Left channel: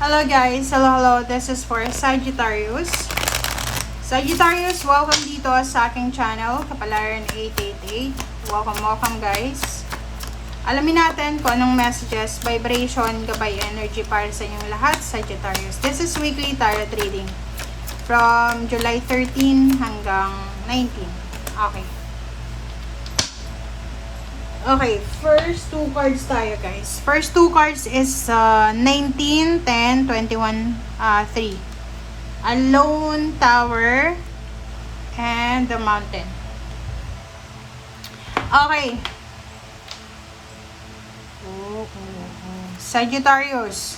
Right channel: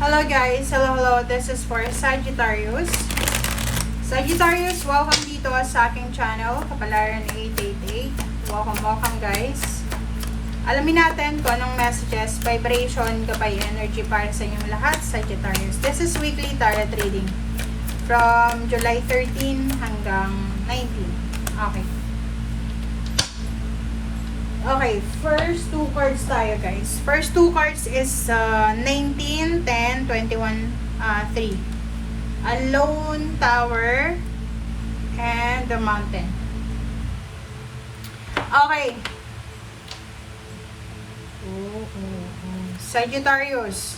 Hello guys, hello, this is for Sagittarius. Sagittarius, welcome dito sa aking channel, Kapalaran 888. Welcome guys. Alamin natin kung anong messages, vibration, gabay, energy para sa inyong lahat, Sagittarius. This is weekly tarot reading from July 13 hanggang 19. Okay. Okay, first two cards tayo guys. First two cards is 19, 10, 21, 3. Alone, Tower, and the Mountain. Okay. Sagittarius.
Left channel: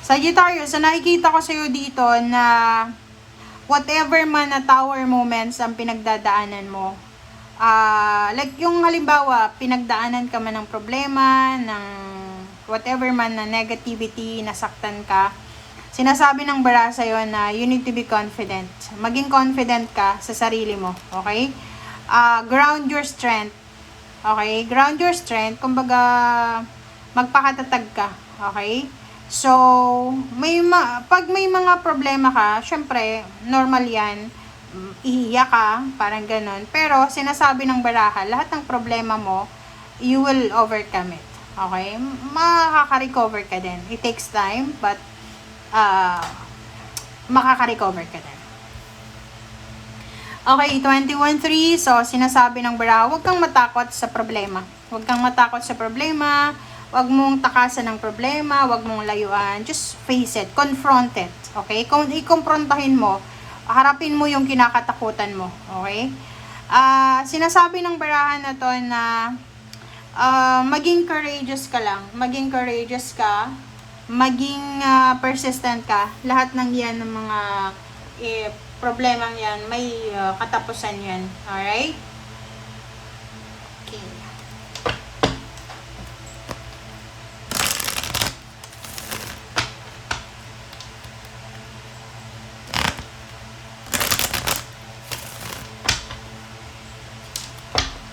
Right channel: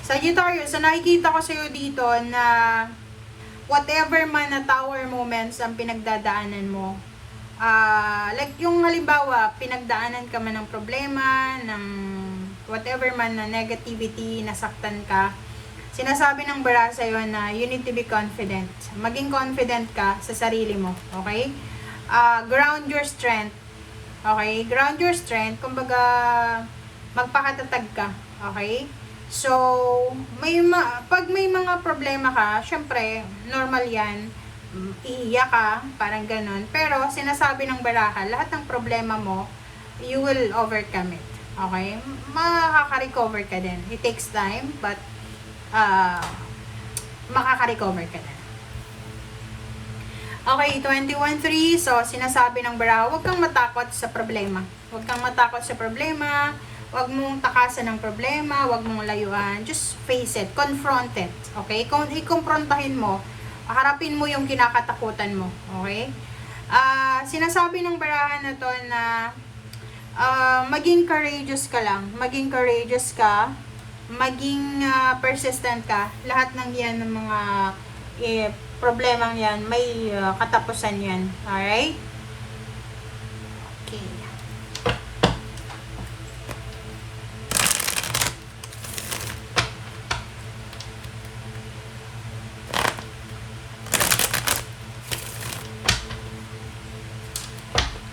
Sagittarius, so nakikita ko sa'yo dito na whatever man na tower moments ang pinagdadaanan mo, like yung halimbawa, pinagdaanan ka man ng problema, ng whatever man na negativity, nasaktan ka, sinasabi ng bara sa'yo na you need to be confident. Maging confident ka sa sarili mo, okay? Ground your strength, okay? Ground your strength, kumbaga, magpakatatag ka, okay? So, pag may mga problema ka, syempre, normal yan, iiyak ka, parang ganun. Pero, sinasabi ng baraha, lahat ng problema mo, you will overcome it. Okay? Makaka-recover ka din. It takes time, but, makaka-recover ka din. Okay, 21-3. So, sinasabi ng baraha, huwag kang matakot sa problema. Huwag kang matakot sa problema. Huwag mong takasan ng problema. Huwag mong layuan. Just face it. Confront it. Okay? Kung i-confrontahin mo, harapin mo yung kinakatakutan mo, okay? Sinasabi ng barahan na to na maging courageous ka lang, maging courageous ka, maging persistent ka. Lahat ng yan, ng mga problemang yan, may katapusan yan, alright? Okay.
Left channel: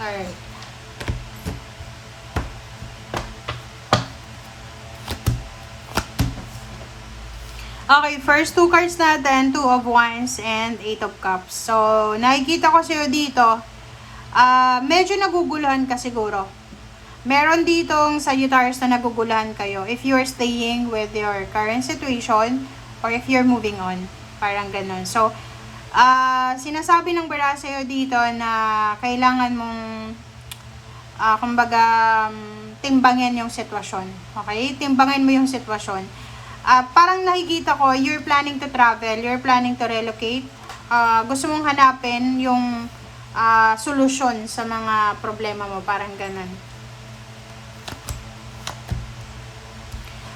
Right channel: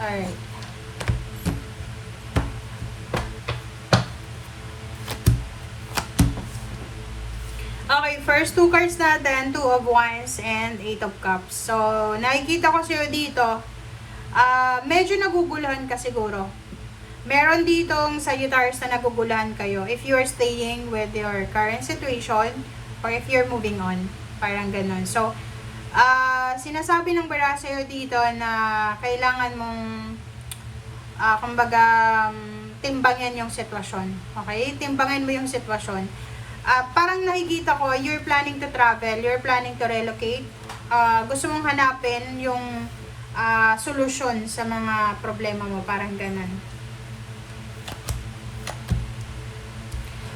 Alright. Okay, first two cards natin, 2 of Wands and 8 of Cups. So, nakikita ko sa'yo dito, medyo naguguluhan ka siguro. Meron ditong Sagittarius na naguguluhan kayo if you are staying with your current situation or if you're moving on. Parang ganun. So, sinasabi ng bara sa'yo dito na kailangan mong kumbaga timbangin yung sitwasyon. Okay? Timbangin mo yung sitwasyon. Parang nakikita ko, you're planning to travel, you're planning to relocate. Gusto mong hanapin yung solusyon sa mga problema mo. Parang ganun.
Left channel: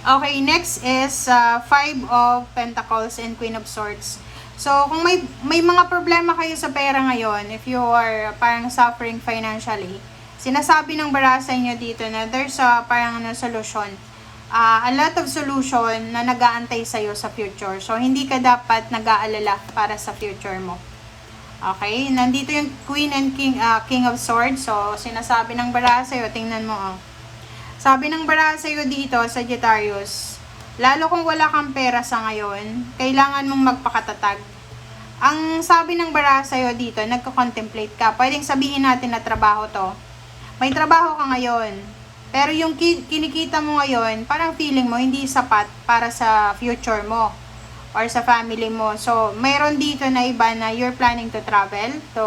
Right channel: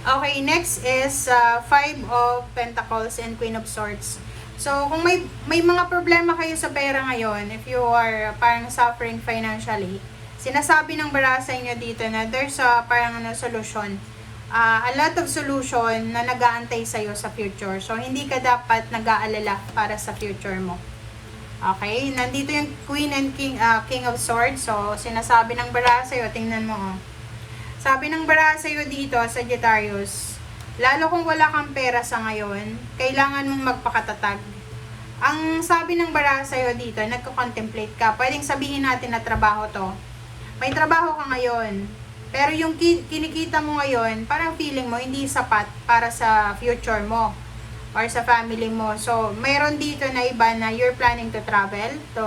Okay, next is 5 of Pentacles and Queen of Swords. So, kung may mga problema kayo sa pera ngayon, if you are parang suffering financially, sinasabi ng bara sa inyo dito na there's parang solution. A lot of solution na nag-aantay sa'yo sa future. So, hindi ka dapat nag-aalala para sa future mo. Okay? Nandito yung Queen and King of Swords. So, sinasabi ng bara sa'yo, tingnan mo. Sabi ng bara sa'yo dito, Sagittarius, lalo kung wala kang pera sa ngayon, kailangan mong magpakatatag. Ang sabi ng bara sa'yo dito, nagko-contemplate ka. Pwedeng sabihin natin na trabaho to. May trabaho ka ngayon, pero yung kinikita mo ngayon, parang feeling mo hindi sapat para sa future mo or sa family mo. So, mayroon dito na iba na you're planning to travel. So,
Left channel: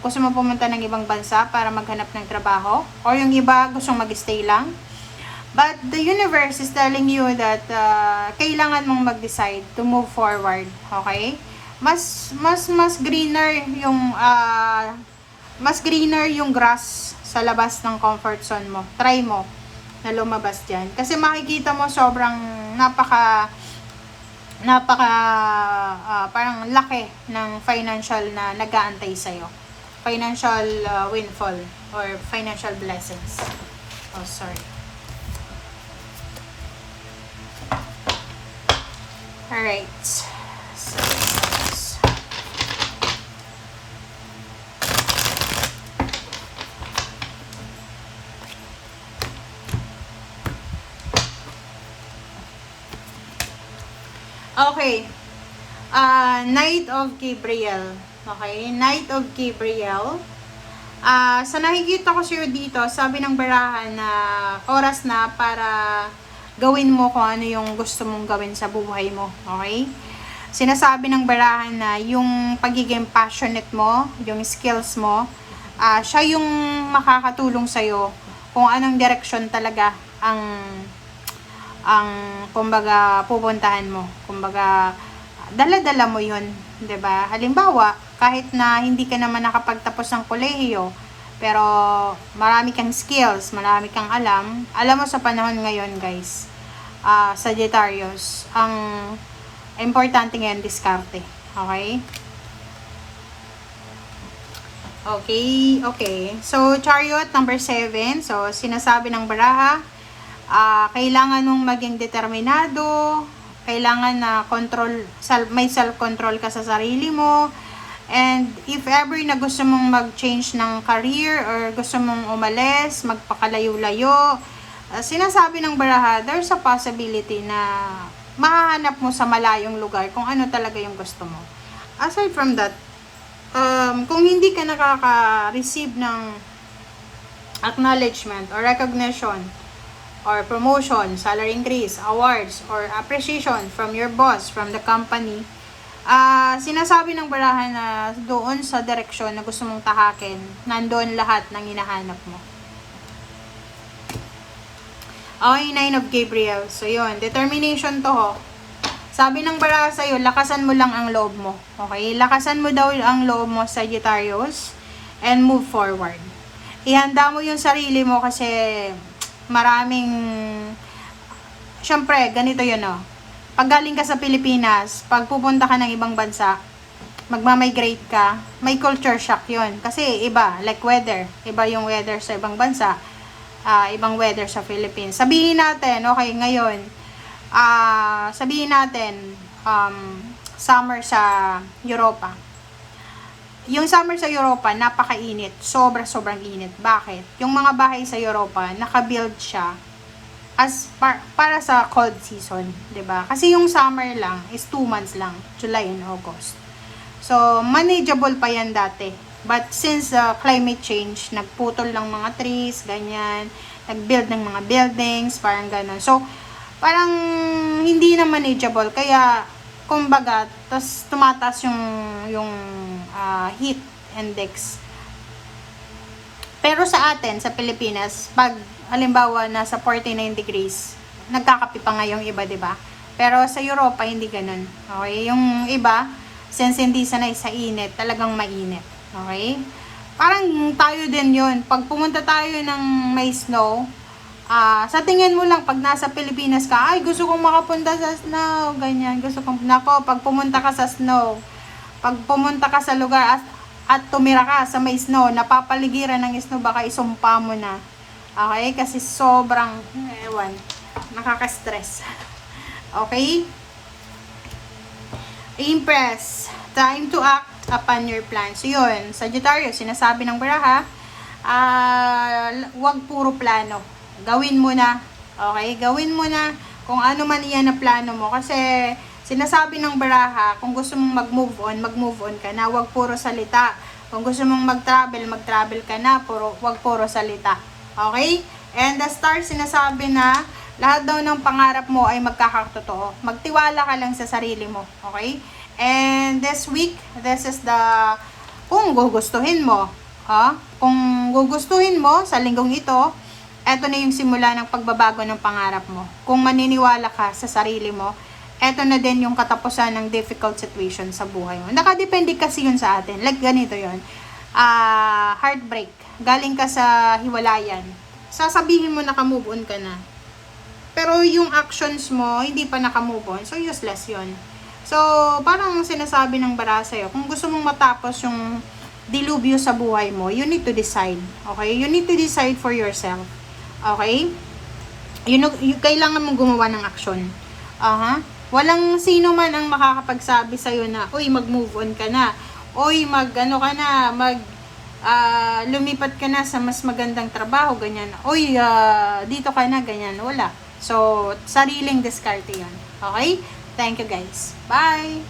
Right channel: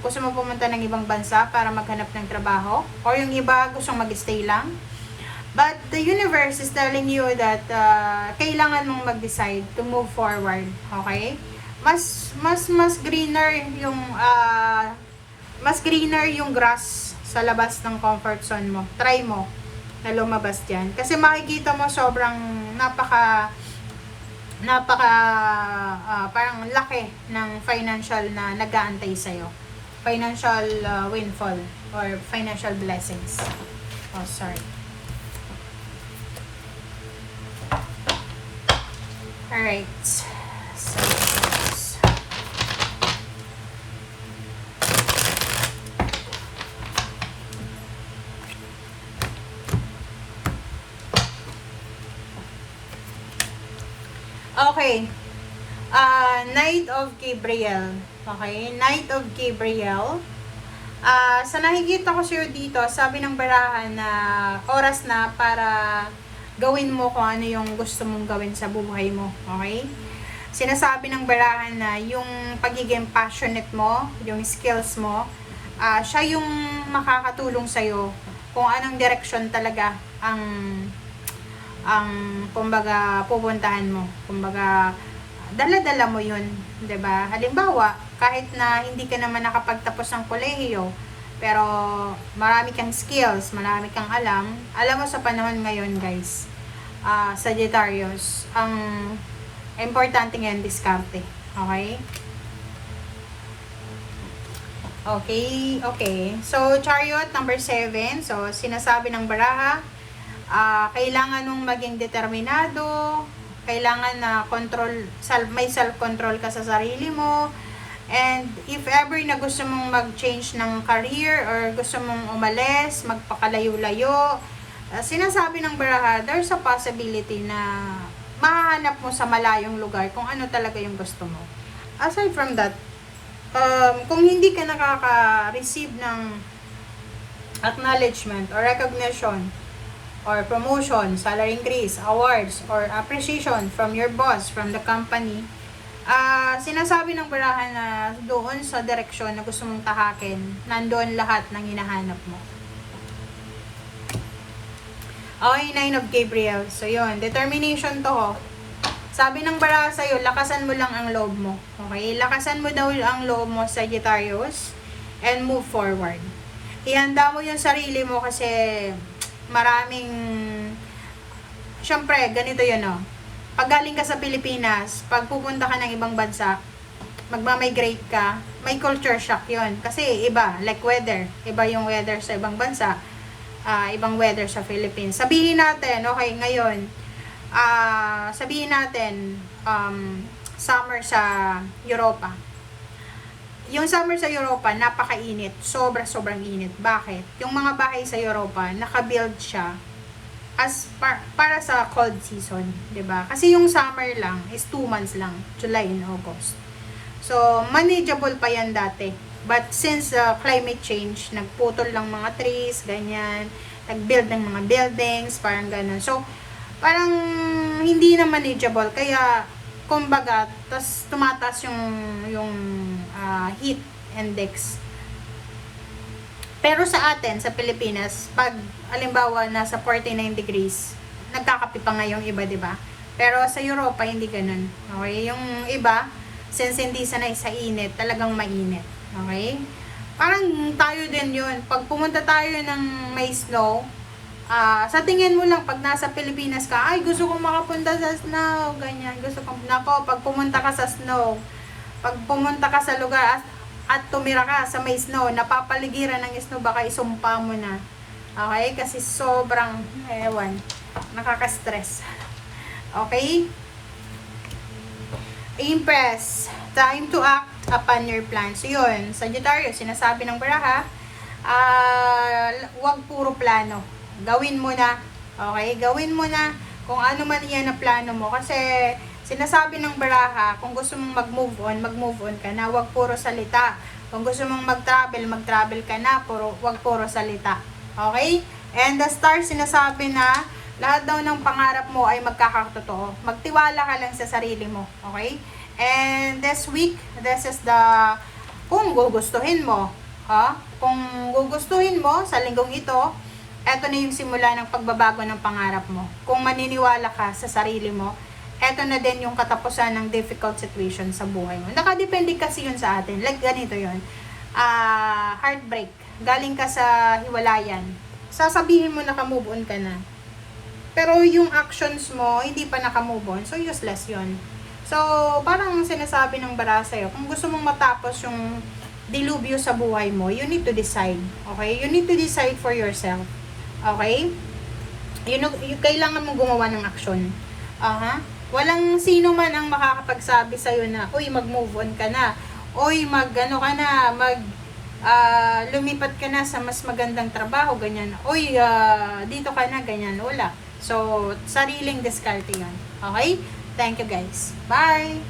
gusto mo pumunta ng ibang bansa para maghanap ng trabaho. Or yung iba, gusto mag-stay lang. But the universe is telling you that kailangan mong mag-decide to move forward, okay? Mas greener yung grass sa labas ng comfort zone mo. Try mo na lumabas diyan. Kasi makikita mo sobrang napaka parang laki ng financial na nag-aantay sa'yo. Financial windfall or financial blessings. Oh, sorry. Alright. So, Okay. Knight of Gabriel. Okay, Knight of Gabriel. Sa nakikita ko sa'yo dito, sabi ng barahan na oras na para gawin mo kung ano yung gusto mong gawin sa buhay mo. Okay? Sinasabi ng barahan na yung pagiging passionate mo, yung skills mo, siya yung makakatulong sa'yo kung anong direction talaga ang kumbaga pupuntahan mo. Kumbaga dala-dala mo 'yun, 'di ba? Halimbawa, kahit na hindi ka naman nakapagtapos ng kolehiyo, pero marami kang skills, marami kang alam mo sa panahon ngayon, guys. Sagittarius, ang importante ngayon diskarte. Okay? Okay. So, Chariot number 7. So, sinasabi ng baraha, kailangan mong maging determinado, kailangan na may self-control ka sa sarili mo, and if ever na gusto mong mag-change ng career or gusto mong umalis, magpakalayo-layo, sinasabi ng baraha, there's a possibility na mahahanap mo sa malayong lugar kung ano talaga yung gusto mo. Aside from that, kung hindi ka nakaka-receive ng acknowledgement or recognition or promotion, salary increase, awards, or appreciation from your boss, from the company, sinasabi ng barahan na doon sa direksyon na gusto mong tahakin, nandoon lahat ng hinahanap mo. Okay, Nine of Gabriel. So, yun. Determination to, ho. Sabi ng baraha sa'yo, lakasan mo lang ang loob mo. Okay? Lakasan mo daw ang loob mo, Sagittarius, and move forward. Ihanda mo yung sarili mo kasi maraming, syempre, ganito yun, oh. Pag galing ka sa Pilipinas, pag pupunta ka ng ibang bansa, magmamigrate ka, may culture shock yun. Kasi iba, like weather. Iba yung weather sa ibang bansa. Ibang weather sa Philippines. Sabihin natin, okay, ngayon, sabihin natin, summer sa Europa. Yung summer sa Europa, napakainit. Sobrang init. Bakit? Yung mga bahay sa Europa, nakabuild siya as para sa cold season, 'di ba? Kasi yung summer lang is 2 months lang, July and August. So, manageable pa yan dati. But since climate change, nagputol ng mga trees, ganyan, nag-build ng mga buildings, parang ganun. So, parang hindi na manageable. Kaya, kumbaga, tas tumataas yung heat index. Pero sa atin, sa Pilipinas, pag halimbawa nasa 49 degrees, nagkakape pa nga yung iba, 'di ba? Pero sa Europa hindi ganoon. Okay? Yung iba, since hindi sanay sa init, talagang mainit. Okay? Parang tayo din 'yon. Pag pumunta tayo ng may snow, sa tingin mo lang pag nasa Pilipinas ka, ay gusto kong makapunta sa snow, ganyan. Gusto kong pag pumunta ka sa snow, pag pumunta ka sa lugar at tumira ka sa may snow, napapaligiran ng snow, baka isumpa mo na. Okay? Kasi sobrang, nakaka-stress. Okay? Impress. Time to act upon your plan. So, yun. Sagittarius, sinasabi ng baraha, wag puro plano. Gawin mo na. Okay? Gawin mo na kung ano man iyan na plano mo. Kasi, sinasabi ng baraha, kung gusto mong mag-move on ka na, wag puro salita. Kung gusto mong mag-travel ka na, wag puro salita. Okay? And the star, sinasabi na, lahat daw ng pangarap mo ay magkakatotoo. Magtiwala ka lang sa sarili mo. Okay? And this week, this is kung gugustuhin mo, kung gugustuhin mo sa linggong ito, eto na yung simula ng pagbabago ng pangarap mo. Kung maniniwala ka sa sarili mo, eto na din yung katapusan ng difficult situation sa buhay mo. Nakadepende kasi yun sa atin. Like ganito yun. Heartbreak. Galing ka sa hiwalayan. Sasabihin mo naka-move on ka na. Pero yung actions mo, hindi pa naka-move on. So, useless yun. So, parang sinasabi ng bara sa'yo, kung gusto mong matapos yung dilubyo sa buhay mo, you need to decide. Okay? You need to decide for yourself. Okay? Kailangan mong gumawa ng aksyon. Walang sino man ang makakapagsabi sa'yo na, uy, mag-move on ka na. Uy, lumipat ka na sa mas magandang trabaho, ganyan. Uy, dito ka na, ganyan. Wala. So, sariling diskarte yan. Okay? Thank you guys. Bye!